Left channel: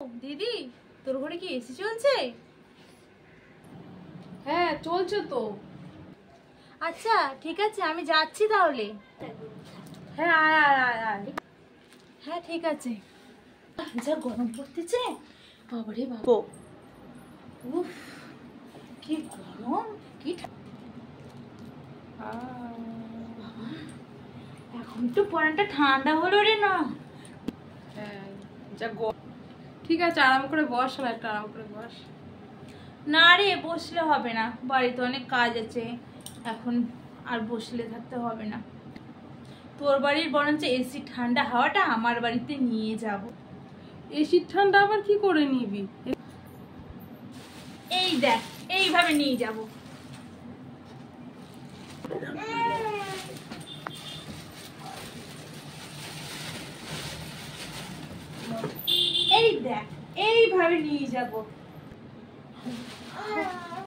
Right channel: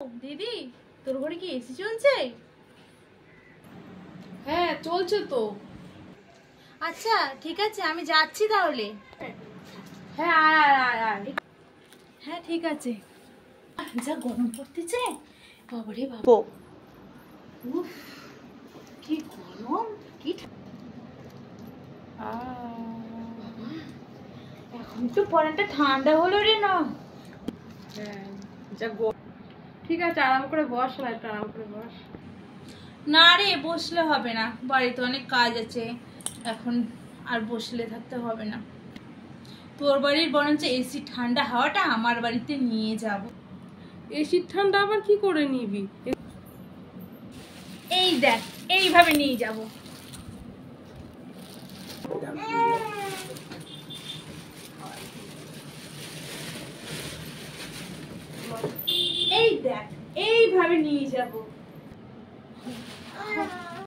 দিদি, তোর ঘরে কি এসি চলছে? হ্যাঁ চলছে তো। আচ্ছা ঠিক আছে, আমি যাচ্ছি তাহলে। হ্যাঁ আয় আয় আয় আয়। হ্যাঁ ঠিক আছে। যা গরম পড়তেছে, বাবারে বাবা। উফ, কি গরম, কি এখন একটু পরানটা ঠান্ডা হলো রে। না হ্যাঁ ঠিক আছে, আরাম করে বস না, একটু আরাম করে বস। না রে, বসলে হবে না, বাড়িতে অনেক কাজ আছে এখন, আর বসলে থাকতে হবে না। তোর বাড়ির বরঞ্চ এসি ঠান্ডা হাওয়াটা আমার বাড়িতে নিয়ে যাব। এসির ঠান্ডা আবার কি করে নিবি? এই দেখ, এইভাবে নিয়ে যাব। এই দেখ, এইভাবে নিয়ে যাব।